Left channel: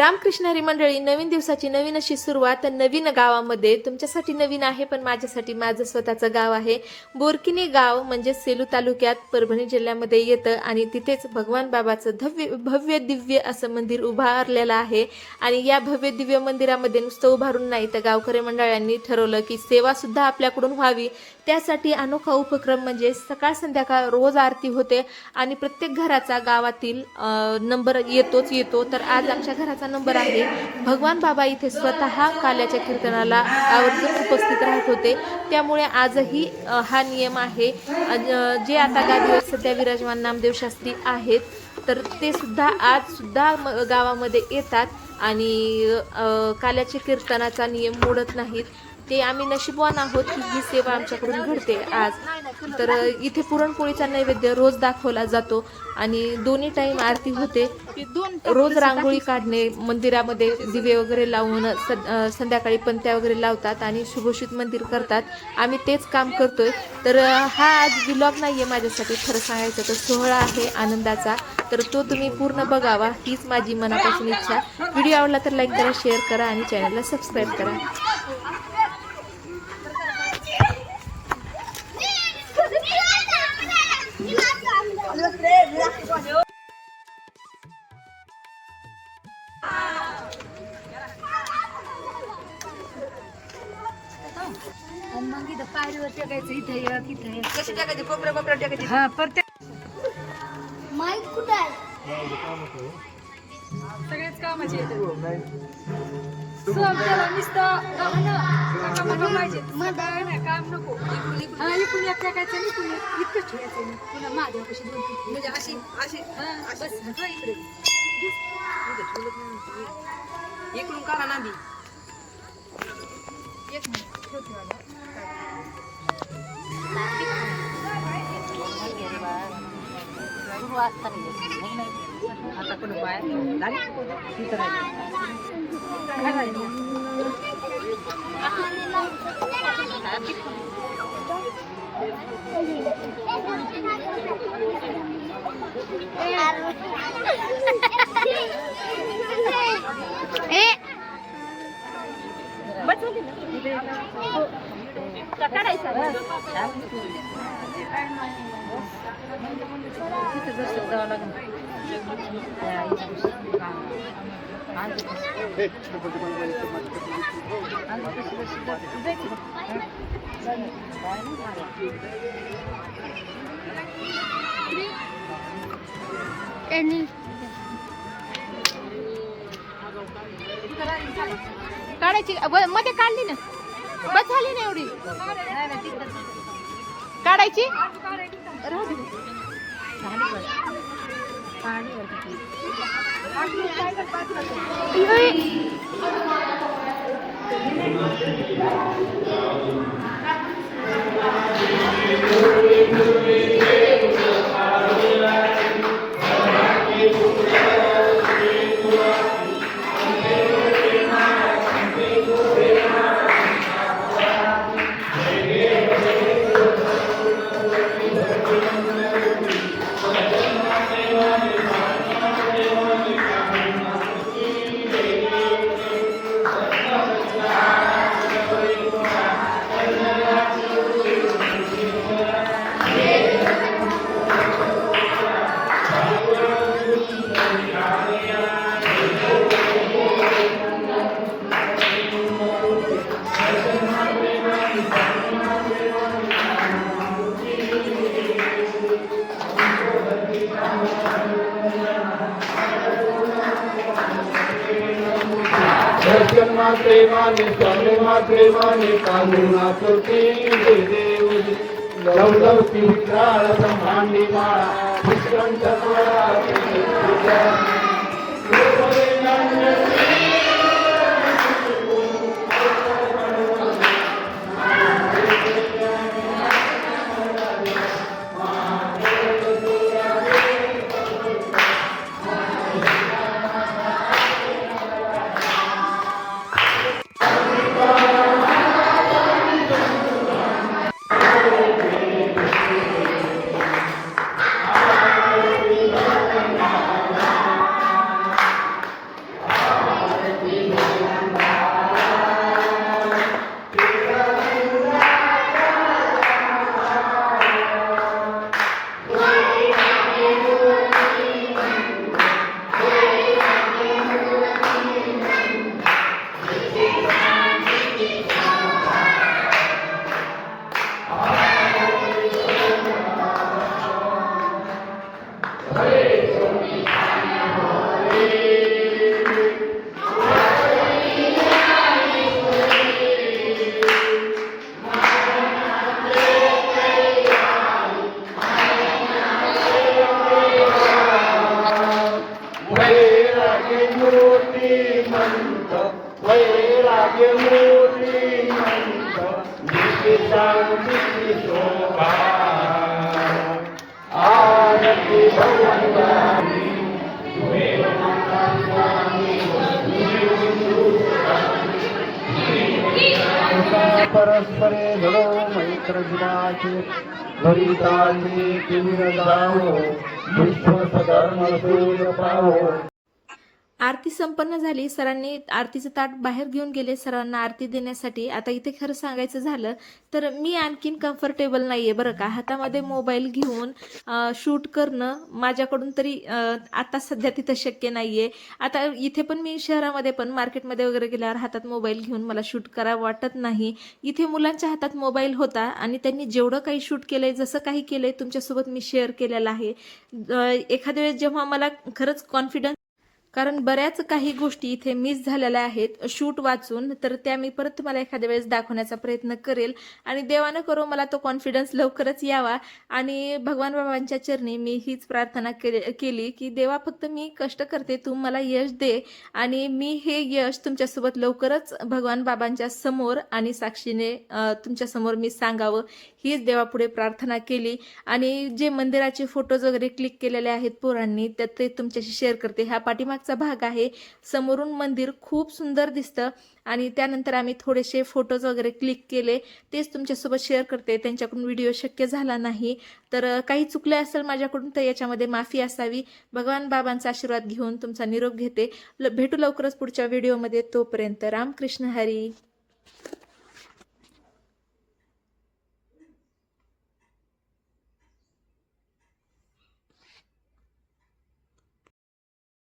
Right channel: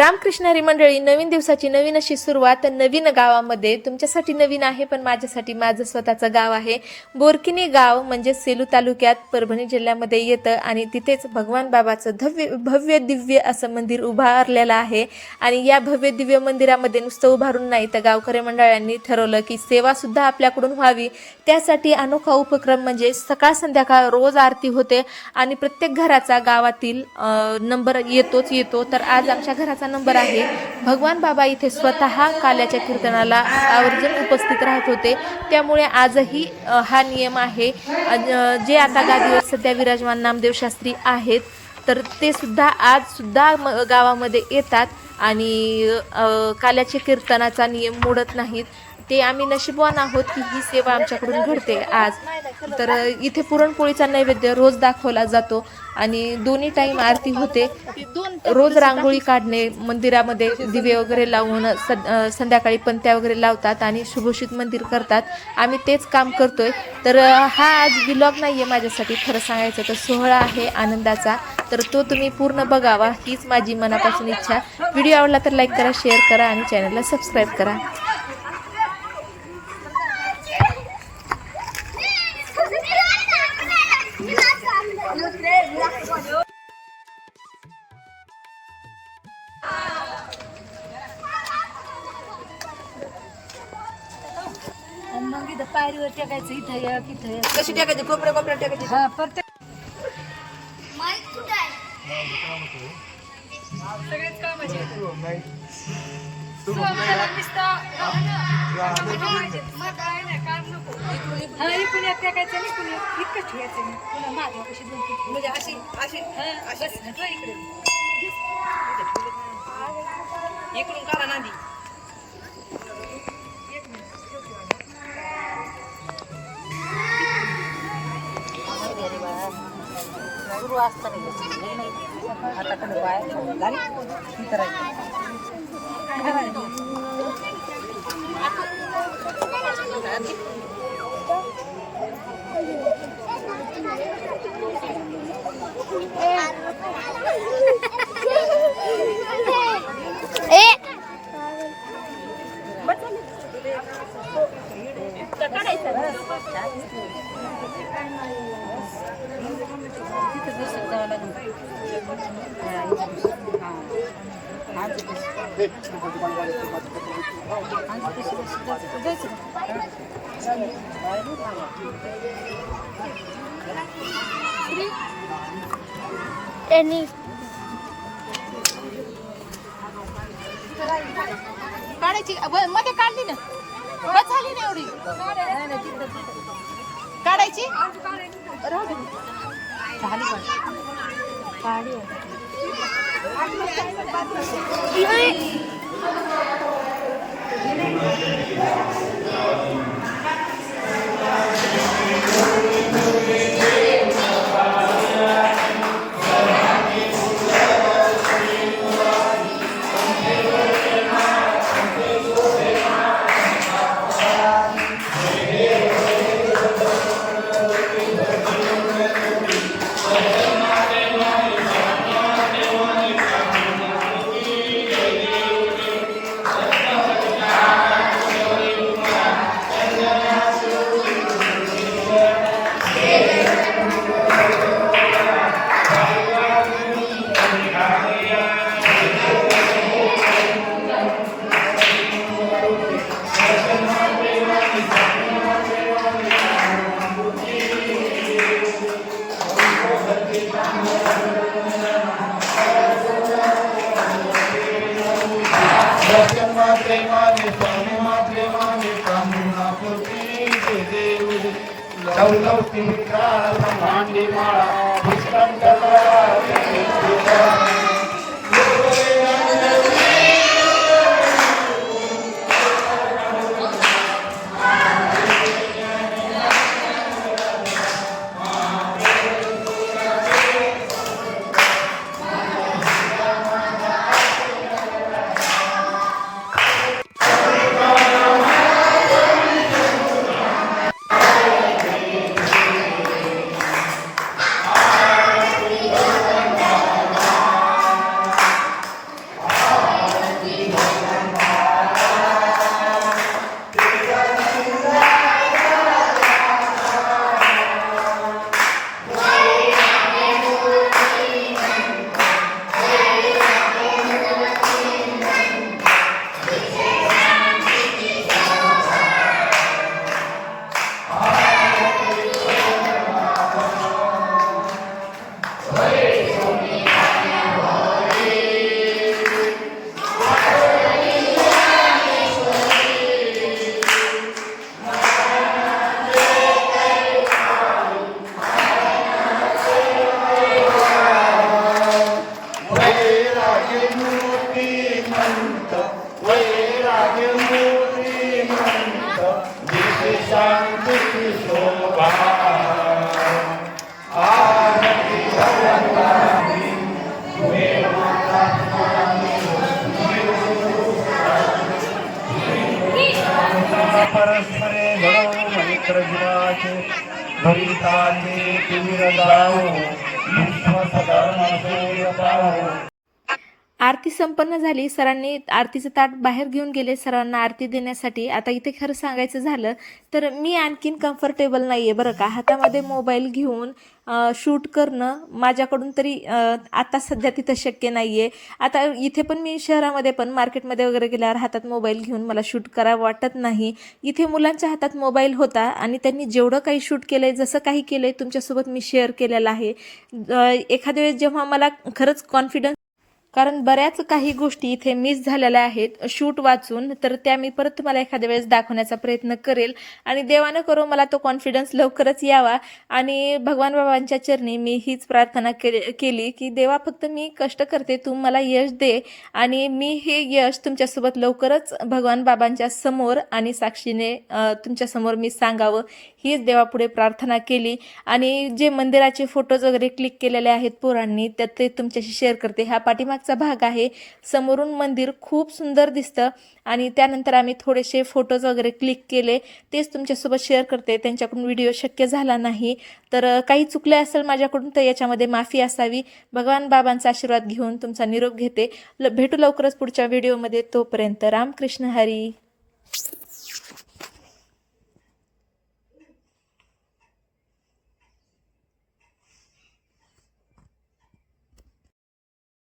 रामकृष्ण हरी मंडळी नवीन दिवसाची नवीन अशी सुरुवात नवीन गावामध्ये. तुमच्यासाठी नवीन आहे पण माझ्यासाठी माझं स्वतःचं गाव आहे. बोरकिनी गाव म्हणजे सेलू तालुक्यात परभणी जिल्ह्यामध्ये येतं आणि तिथेच भगवान बाबाचं धव्य भव्य दिव्य असं मंदिर उभारलेलं आहे. आणि या भव्य दिव्य मंदिरामध्ये नुसतं उभारून नाही तर गावकरी मंडळांनी ठरवलं की सेवासुद्धा आपल्याकडून व्हावी. त्यासाठी अनोखा उपक्रम म्हणजे सकाळ संध्याकाळ रोज आरती होते आणि प्रत्येक घराचा गावातील नंबर येतोच येतो. तर आज आमच्या घराचा नंबर आहे. भगवान बाबा इथे स्वतः काल्याच्या कीर्तनाला आवर्जून उपस्थित राहत होते. त्यामुळे आजही हा नियम आहे. जे आता गादीवर सध्या विराजमान नामदेव शास्त्री आहेत तर ते सुद्धा आज सुद्धा गावामध्ये येतात आणि काल्याच्या कीर्तनाचा नियम मोडत नाहीत. ते आम्ही नशीबवान आहोत की ही सेवा आमच्याकडून घडते आज. तर इथे पुरणपोळीचा नैवेद्य रोज दाखवला जातो आणि दोन्ही टाईम आरती होते. रोज रांगोळी काढणे मंदिरामध्ये दिवे वगैरे लावून संध्याकाळी पंत्या वगैरे लावतात आणि शुभोषित मंदिर करतात. आम्ही तेच काम करतोय. तर हा आज विलॉग नाही आहे माझ्यासाठी खरं सांगायचं तर सोहळा आहे आनंदाचा. तर तो तुम्ही पूर्ण बघावा हीच माझी मनापासून इच्छा. व्हिडिओ आवडला तर लाईक करा शेअर करा आणि चॅनलला सबस्क्राईब करा. आणि मग इथं पायरीवर टेकायचं इथं या तिथं या कशी टाकायची कोपऱ्या कोपऱ्या टाकायची हा प्रत्येक सगळेच कामाचे आहेत. सोमवारला नुसतं हे पाहिजे. मग काय नाही, काम नको. हा, इकडून एक टाकायचं आणि इकडून एक इतकंच ठेवायचं मी. पुन्हा माझ्यापाशी दोन तीन. म्हणजे अशी अशी हा, बस, हा, इकडे. इकडून काढा नांदी एक मिनिट. Any काढायची ब- मध्ये काढली ना बस झाली ना एवढी काढायची राहू दे. झाली पण. काढली वाटतं. प्रेमानी सोनेमा प्रेमानी पांडुमा सुरती देवी लवलवती काळ मांडी माळा संत हे राजमोरी मंत दिशी शांती शोभा. आरती परस्परे घडव मैत्रजिनाचे भरिताचे किमिर जाओ विश्व सधर्म सूर्य पाहो आरती संपन्न झाली सरांनी आरतीचं ताट बाहेर घेऊन गेले. सरांना आरती देण्यासाठी आता इथे खरं सांगायचं झालं तर मी आणखीन कम्फर्टेबल नाही आहे बरं का. हातामध्ये मोबाईल घेऊन शूट करणं माझ्याकडून तरी आता सध्या तिथं शक्य नाही आहे आता इथे पण मी शहरामध्ये पण मार्केटमध्ये वगैरे गेल्यावर हातात मोबाईल घेऊन मला शूट करावं वाटत नाही. इथे मुलांच्या हातात मोबाईल होता आणि त्यांनी जेवढं काही शूट केलं आहे जसं काही केलं आहे तुमच्यासोबत मी शेअर केलेलं आहे. एखाद्या वेळेस जेव्हा मला खरंच कॉन्फिडन्स कारण बऱ्याच काही गोष्टी इथे मिस झालेल्या आहेत. शूट वाचून. तर त्या मी परत तुम्हाला एखाद्या वेळेस दाखवण्याचा प्रयत्न करेल. आणि देवानं करो मला तो कॉन्फिडन्स लवकरच यावा. आणि भगवान बाबांच्या चरणी मी हीच प्रार्थना केली केली की देवा फक्त मी कष्ट करते. तू मला यश दे. आणि मी हे यश तुमच्यासोबत लवकरच भगवान बाबांच्या समोर आणि साक्षीने तुमच्यासमोर मी सांगावं. हीच देवापुढे प्रार्थना केली. आणि जे मंदिराचे फोटोज वगैरे क्लिक केलेले आहेत पोरांनी त्यात ते तुमच्याशी शेअर करते. ह्या पाठीमाग मागचा भाग आहे. समोरून मंदिर खूप सुंदर दिसतं आणि त्यानंतर आम्ही थोडेसे फोटोज वगैरे क्लिक केले. तेच तुमच्यासोबत शेअर करते. त्यांच्याकडून व्हिडिओ शक्य झाला नाही. तर काही चुकले असेल माझ्याकडून तर याच्यामध्ये माफी असावी. भगवान बाबांचा आशीर्वाद घेऊन तुमचा निरोप घेते. ल भेटू लवकरच पुढच्या व्हिडिओमध्ये तोपर्यंत रामकृष्ण हरी.